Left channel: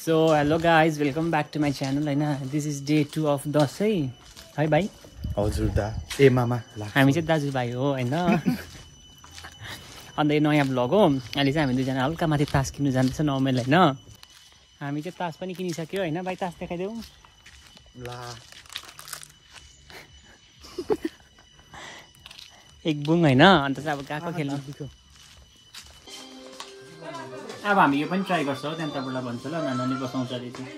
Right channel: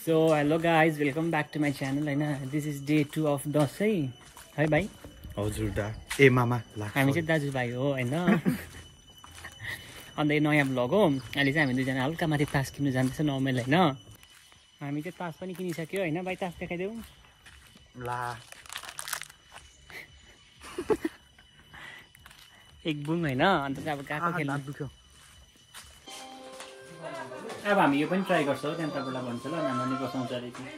so hello guys welcome back to my channel होइन this is day 2 of Dashain है भाइ हजुर दा ए मामा हामी चाहिँ दाजुभाइ हो होइन अन्त यो नयाँ भ्लग हो अहिले चाहिँ हामी दुईजना हल्का माथि तास किन्नु जाँदैछ नर्मल होइन हामी चाहिँ तास पनि किनिसक्यो होइन भाइ तास देखाइदेऊ ला एक बुङ होइन अन्त चाहिँ अब गएको खेल्नु दुख्यो अब हामी यो पनि ट्राई गर्छौँ त्यहाँबाट भन्छ ल नानी बसाउँछ अरे चाहिँ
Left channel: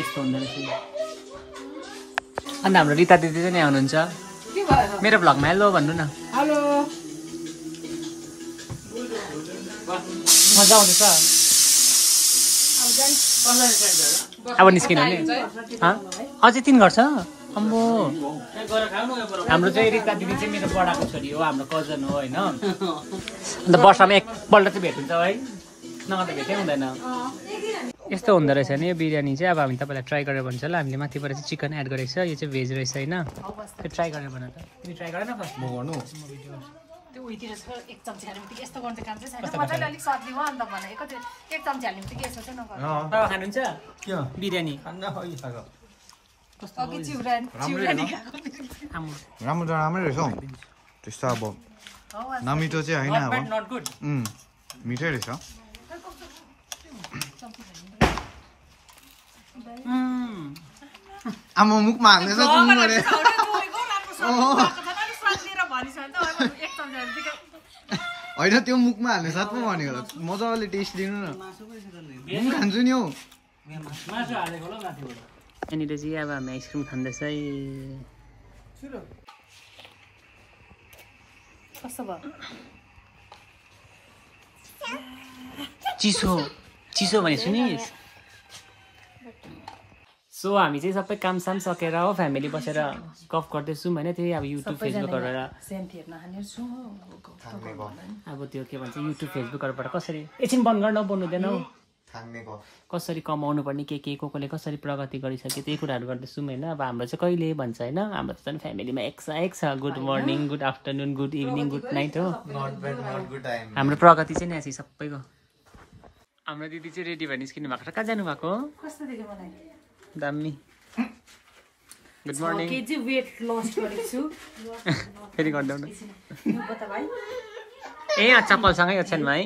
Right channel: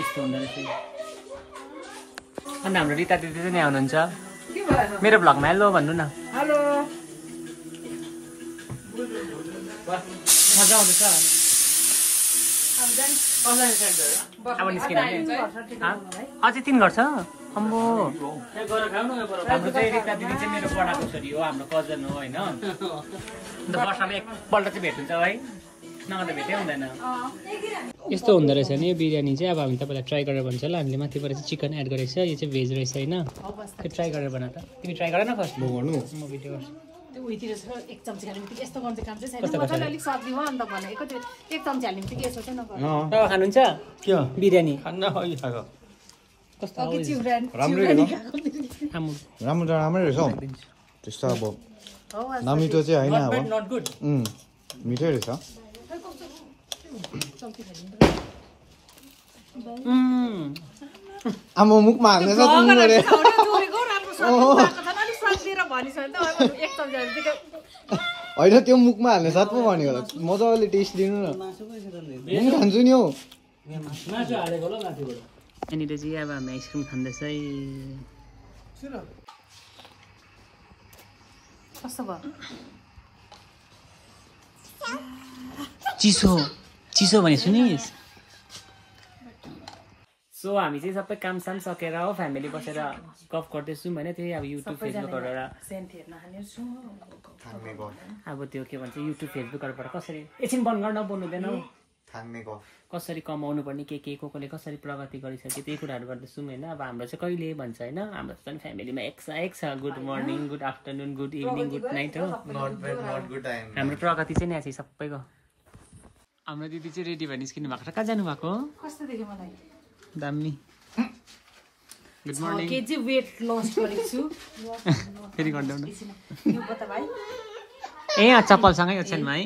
यस्तो हुँदो रहेछ अन्त हाम्रो रिता दिदी चाहिँ यहाँ हुनुहुन्छ मेरो भ्लगमा हेलो भन्नु न हेलो मजा आउँदैछ अब निस्किनु नि अझै 3 घर छ अम्बो हाम्रो चाहिँ रिता दिदी चाहिँ मेरो बडाको छोरी हो हाम्रो कजन हो होइन अन्त वर्षमा एकपल्ट चाहिँ भेट हुन्छ है नभए त भेटै हुँदैन यस्तो हुँदो रहेछ नि यो बिरयानी चाहिँ अब हामी तपाईँलाई ट्राई गरेर भन्छ ल हामीले माथिबाट चाहिँ चिकन एड गरेको छ यो चाहिँ भेज रहेछ होइन त्यो ट्राई गरेर भन त तिमी ट्राई गर न फर्स्ट म गर्नु म भिडियो त्यो उहीतिर एक चम्ची हाल्ने बित्तिकै यस्तो गर्ने काम चाहिँ छैन मजाले अलिक सब्जी भयो अन्त भने एक चम्ची हाल्ने बित्तिकै यसो चाहिँ नगर्नु बाबा खानुहुन्छ के बिरयानी अघि चिउरानी राम्रो राम्रै रहेछ हौ त्यस्तो अब नमिठो चाहिँ होइन अब नट गुड मिठै रहेछ आमा मुखमा हाल्ने छ तिमी गरे होइन त्यो मुखमा हाल्ने साथ पो भनेको मजाले टेस्ट दिनु न म खान्छु नि हौ यहाँनिर चाहिँ अब हामी आइसक्रिम खाँदैछ है कस्तो भयो चिसो चिसो भने सुनिस् सो हामी चाहिँ सबै कामसाम सकेर हो फ्यामिली बसेर गफ गर्दैछौँ होइन त्यही अब युट्युब फेसबुकबाट अब त्यो के भन्छ युट्युब फेसबुकहरूबाट कसरी एकछिन बन्द गर्न बोल्नुहुँदैन हौ कसरी कमाउनु पर्ने के कोले कसरी प्रगति गरिसक्यो त्यही कुराहरू गर्दैछौँ होइन अब हाम्रो चाहिँ कहिले भन्छ होइन हाम्रो चाहिँ फ्यामिलीमा एक छ good morning good afternoon good evening good night हो हाम्रो प्रगति चाहिँ यहाँ चाहिँ सबैको हाम्रो दिदी चाहिँ रेडी भएर निस्किनु भएको छ कहाँ जानुभएको कस्तो देख्यो मलाई दामी good morning KG weight loss गरेको छु फेरि गर्दै यो बता भाइ ए चप्पलसँगै ओछ्यानमा है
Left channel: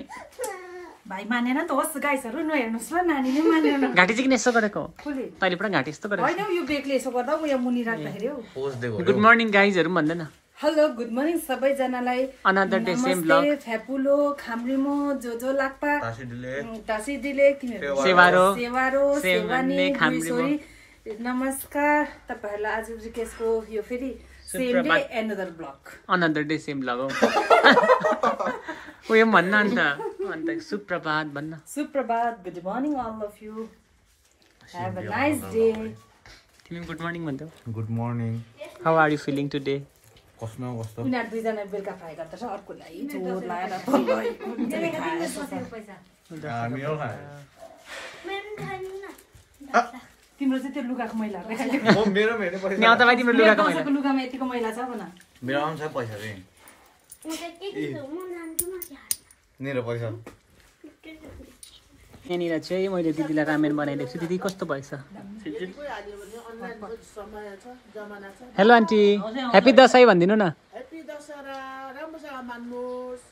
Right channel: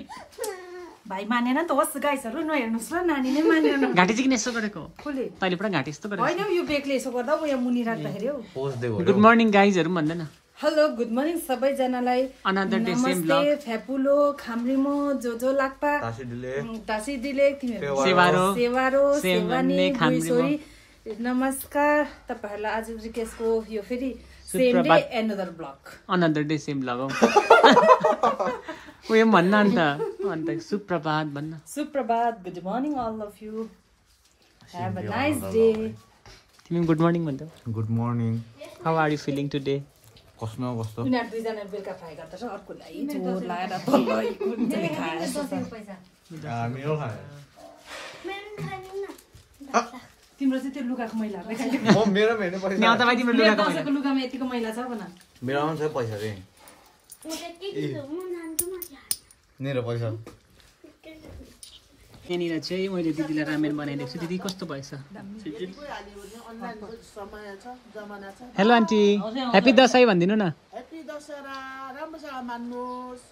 भाइ मानेन त होस् गाइसहरु नहेर्नुस् ल नानीले मानेन घाँटी चाहिँ किन यस्तो गरेको कसले तैँले पुरा घाँटी यस्तो गरेको हैन यो बेगले यसो गर्दा म यहाँ मुनि राख्दाखेरि हो गुड मर्निङ गाइजहरु भन्दैन हेलो गुड मर्निङ सबैजनालाई अनदर डे सेम ब्लग फ्यापुलो खाम्रीमो जो लाक्पा टासी दिले तिमीहरु सेवारो सेवानी गुइसोरी नमस्कार तपाईहरुलाई आज रिकेशको यो फेरि same day another day same blog हो उयो भन्न अन्त सुप्रभात भन्न सुप्रभात good morning all of you have a nice day तिमी गुड मर्निङ भन्छौ good morning how are you feeling today कस्तो उनीहरु दुईजना बेलुका फ्राई गर्दैछ अर्कोलाई जोर लाएर तल्लै कुनले खाएछ तिम्रो चाहिँ त्यो लुगाको मैला मेरो पैसा न्याउ त भाइ तिम्रो लुगाको मैला लुगामा यतिको मैला छ भन मेरो आउँछ पैसा रे मेरो पैसा यहाँनिर चाहिँ मैले दिदीलाई रामेन बनाइदिएको छु दिदी कस्तो भएछ हेलो आन्टी ह्याप्पी दसैँ भनिदिनु न ह्याप्पी दशहरा राम्रोसँग मान्नुहोस्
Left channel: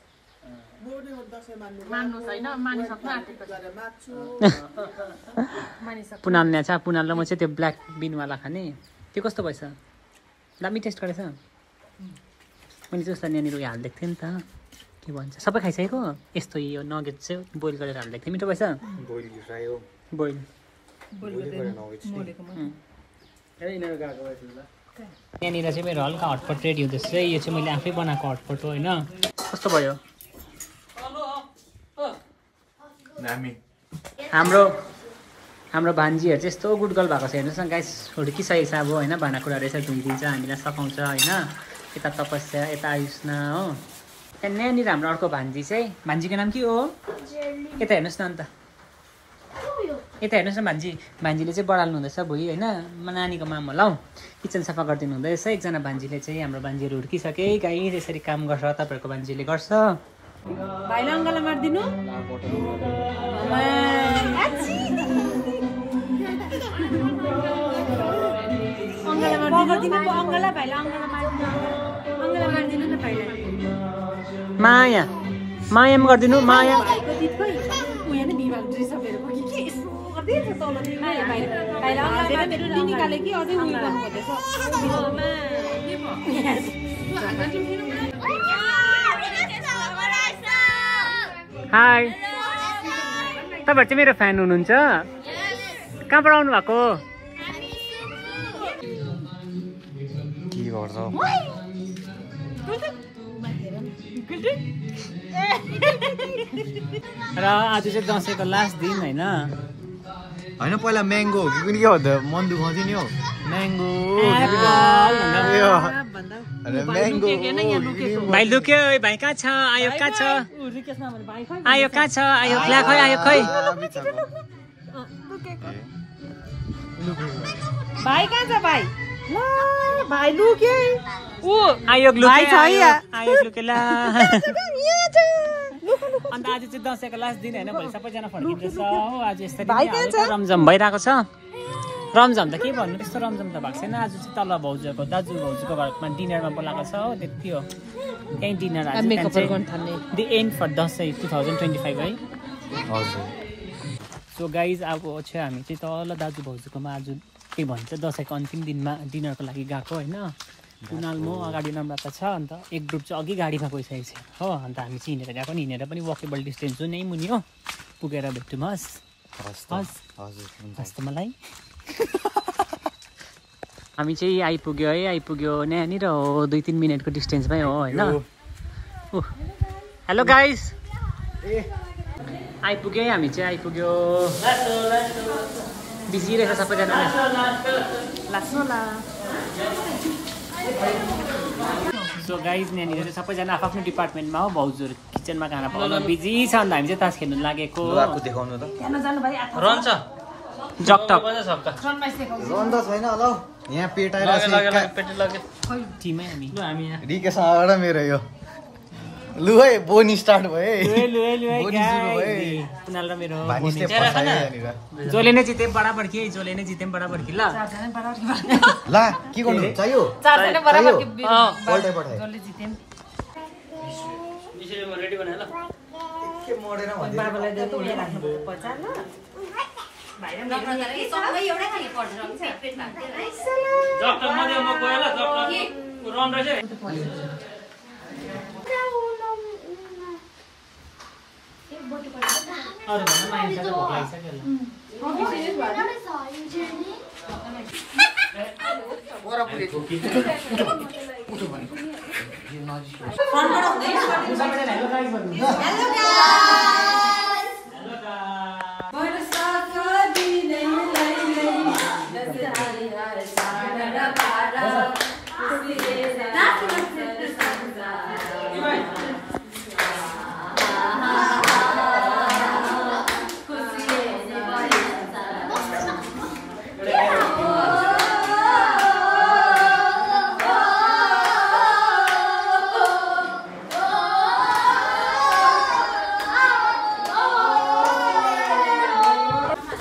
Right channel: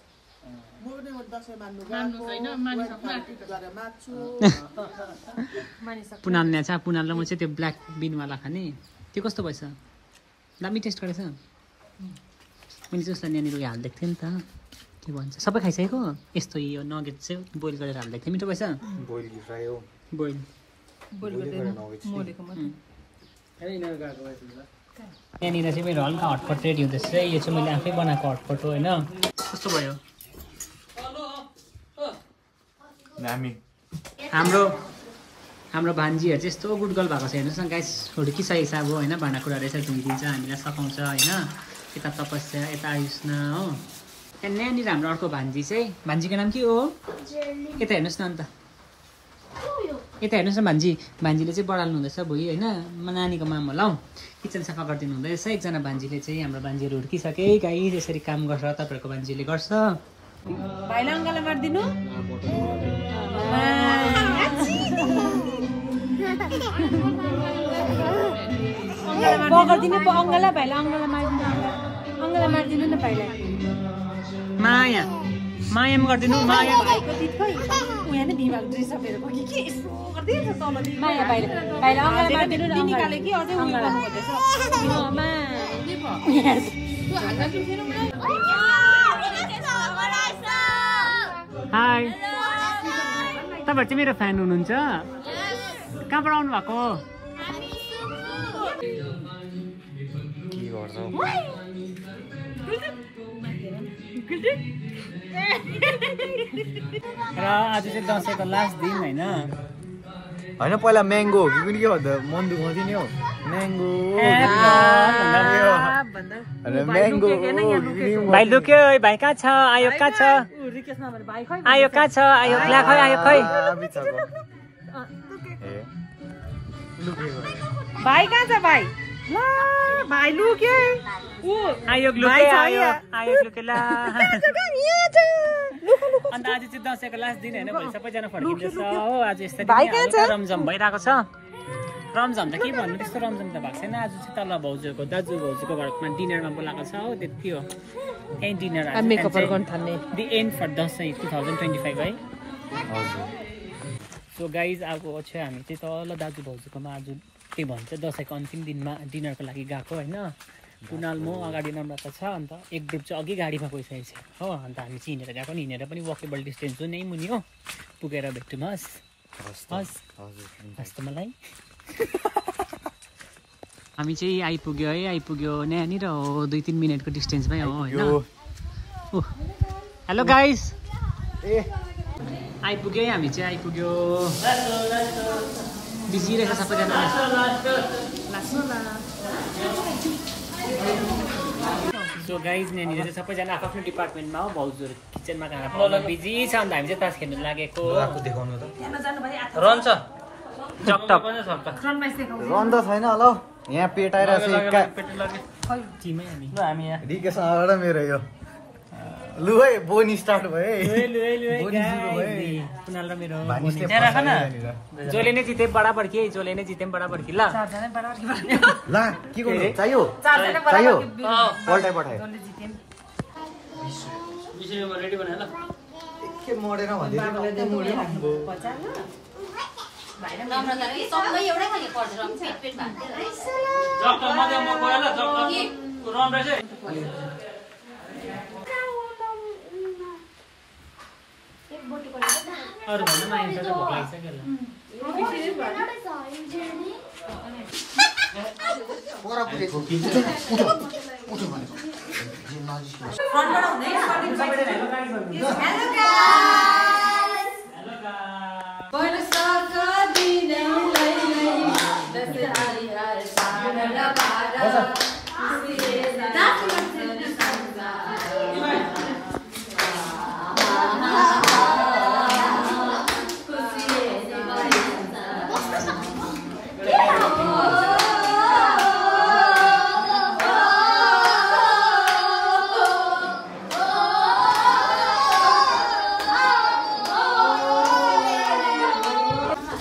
पुनाल ल्याछ पुनाल र म चाहिँ त्यो ब्ल्याक बिनवाला खाने त्यो कस्तो भएछ दामी टेस्ट गरेछ मैले जस्तो यहाँनिर उयो हालिदिएको थिएँ नि त के भन्छ सबै खाइसकेको यस्तो यो नगेट चाहिँ बोइल गरेर हालिदिएको थिएँ मिठो भएछ बोइल यहाँनिर चाहिँ मेरो हल्का हटपट रेडी हुँदैछ यो चाहिँ मैले आफै बनाएको हटपट हो होइन कस्तो भयो हाम्रो भान्जीहरू चाहिँ यस्तो गुड गर्ल भएको छ हेर्नुहोस् न गाइस हुर्किसकेको छ अब होइन भाँडाकुँडा रहेछ धुइदिन्छ हामीलाई सघाउँछ होइन यता तपस्या यता आयुष्ना हो यहाँनिर हाम्रो अर्को भान्जी चाहिँ भान्जीको नाम के हो यता हेर्नुहोस् न अन्त यता हेर्नुहोस् न भान्जीले चाहिँ बढाल्नु हुँदैछ भोलि होइन नानीको मामा होला हौ किचन सफा गरिदिनु हुँदैछ एकजना भान्जीले चाहिँ हाम्रो भान्जीहरू हुर्किसके गाई यसरी काम गर्छ तपाईँहरूको भान्जीले गर्छ भाइलाई अङ्गाला मारिदिनु माया माया पनि गरिदिनु माया हाई तपाईहरु चाहिँ मेरो फ्यान हुनुहुन्छ कहाँबाट आउनु भएको र आज चाहिँ दसैँको लास्ट दिन होइन होइन पहिला म्याङ्गो हो कि पनि के भन्दा मन दुखाउँथ्यो नि हौ म्याङ्गो भाइ लुक्यो भाइ कहाँ छ आयो कहाँ छ आयो कहाँ छ आयो ला खै आयो खै भाइ कहाँ छ भाइ भाइ लुक्यो आयो लुके आयो आयो लुके ला अन्त आज चाहिँ दसैँको लास्ट दिन होइन भोलि सबैजना फर्किँदैछ हो आज यसरी नै हल्का रमझम भइरहेको छ रमझम त के भन्नु त्यस्तो रमझम त भएको छैन आज चाहिँ तल भाउजूको दाजु भाउजूको घरमा डिनरमा बोलाएको छ हो त्यति हो त्यहीँ डिनर आज दि एन्ड फर दसैँ 2025 है हजुर सो गाइज अब चाहिँ हामी चाहिँ तल दाजु भाउजूकोमा आज त्यही भन्छ दसैँको अन्तिम दिनमा डिनरको लागि गएको होइन कुनाल म अगाडि नम्रता छ अन्त एक ग्रुप चाहिँ अघि गाडीमा गइसकेको छ हो अन्त हामी चाहिँ हिँडेर गएको नि हिँडेर पनि वकेबल डिस्टेन्स हो नै मुनि हो पुगेर भेट्यौँ हस् त मलाई हामी चाहिँ आइपुग्यो है आइपुग्यो यहाँनिर हो 2-3 मिनटको डिस्टेन्समै हो होइन हेलो गाइस आइपुग्यो है हामी चाहिँ आइपुग्यो बिजी रहेछ सबैजना सो गाइज यहाँनिर चाहिँ सबैजना आफ्नो डिपार्टमेन्टमा हो भाउजूहरू किचनमा खाना पकाउनु बिजी छ अन्त हामी चाहिँ तास खेल्नु लागेको रन्छ जकटक रन्द छैन ल यहाँ पेटाएर टिमै हामी यहाँ रिकेसँग मेरो यो लु है बोनी स्टार्ट भयो कुनाल र मेरो जोले नै जिते बराबर कि जोले नै जिते बराबर कि ल ला के गर्नु चाहियो रेडी बनाए ल के मोडेर भन्दै बाबालाई देऊ यो राख्नु पर्छ ल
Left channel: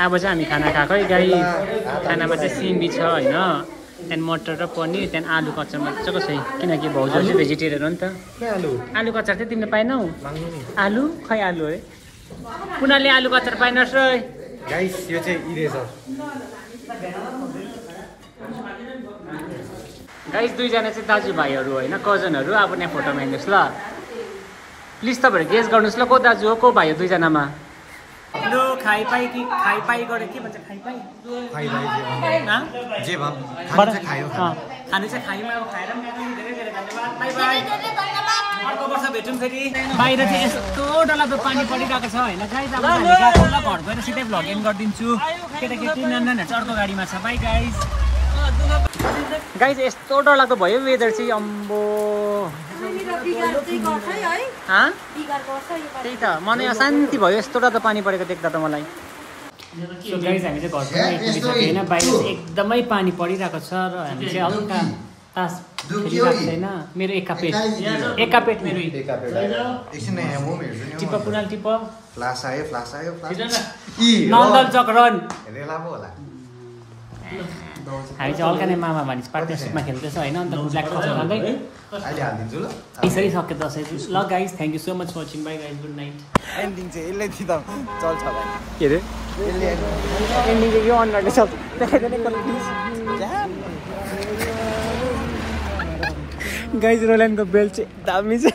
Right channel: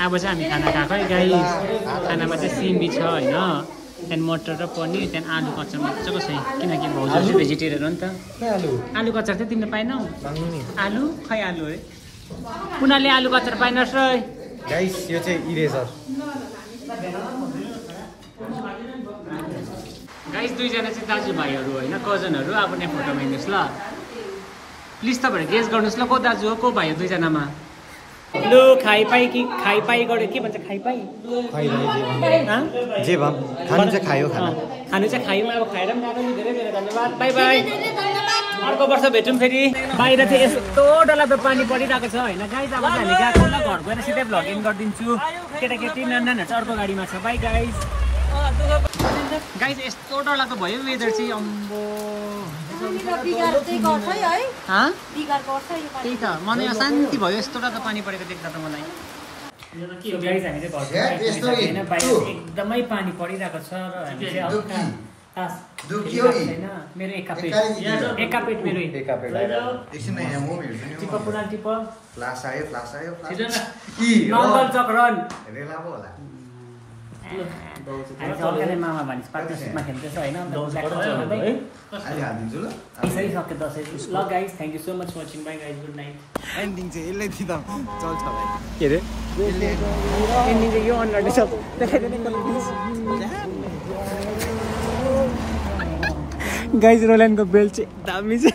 अब चाहिँ हामी खाना खाएकै गाइस खानामा चाहिँ सिमी छ होइन त्यहाँदेखि मटर र पनिर त्यहाँदेखि आलु कच्चा मजाको छ किनकि भाउजू चाहिँ भेजिटेरियन हो नि त आलु कच्चार चाहिँ तिमीले पाएनौ आलु खै आलु है कुनाले आलु कच्चार पाइनस् र गाइस यो चाहिँ इरेजर गाइस दुईजना चाहिँ दाजुभाइहरू होइन कजनहरू अब यहाँ फोटोमा हिँड्नुहोस् ल प्लिज तपाईँहरू गेस गर्नुहोस् ल को दाजु हो को भाइ हो दुईजनामा लु खाइपाई कि खाइपाई गऱ्यो के भन्छ खाइपाई जे भए खानु चाहिँ खायो खानु चाहिँ खायौँ अब खाएर पनि गएको नि धेरै धेरै धन्यवाद बाई बाई अर्को वर्ष भेटौँ फेरि बाहिर चाहिँ यस्तो डरलाग्दो पानी परिरहेको छ होइन गाइस अब हामी गएको ल घर गएर सिधै भ्लगिङ गरिदिन्छु केटाकेटी नानीहरू चाहिँ अर्को गाडीमा छ बाई गाइस गाइस यस्तो डरलाग्दो भयो वेदर चाहिँ अम्बो त्यही त मलाई अशान्ति भयो यस्तो डरलाग्दो पानी परेको देख्दा त मलाई एकदमै पानी परिरहेको छ र हामी चाहिँ हल्का तास छैन मेरो एका पेट मेरो टिप कुनाल टिप नन्दल चक रन हामी चाहिँ हल्का नै मामा मानिस पार्टनरसिपमा खेल्दैछ होइन अन्त ब्ल्याक चलाउँदै यसरी सक्यो दसैँ ल guys thank you so much for watching bye guys good night ending चाहिँ यसले दिँदा चल्छ भाइ के अरे एन्डिङ चाहिँ यो अनुहारले सब गाइज रोल्यान्डको बेल्ट चाहिँ दामी छ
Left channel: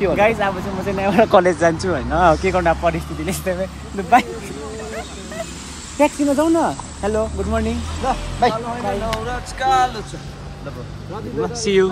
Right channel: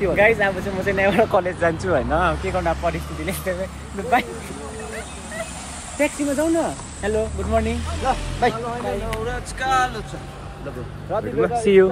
गाइज अब चाहिँ म चाहिँ यहाँबाट कलेज जान्छु होइन के गर्नु परिस्थितिले ट्याक्सीमा जाउँ न hello good morning see you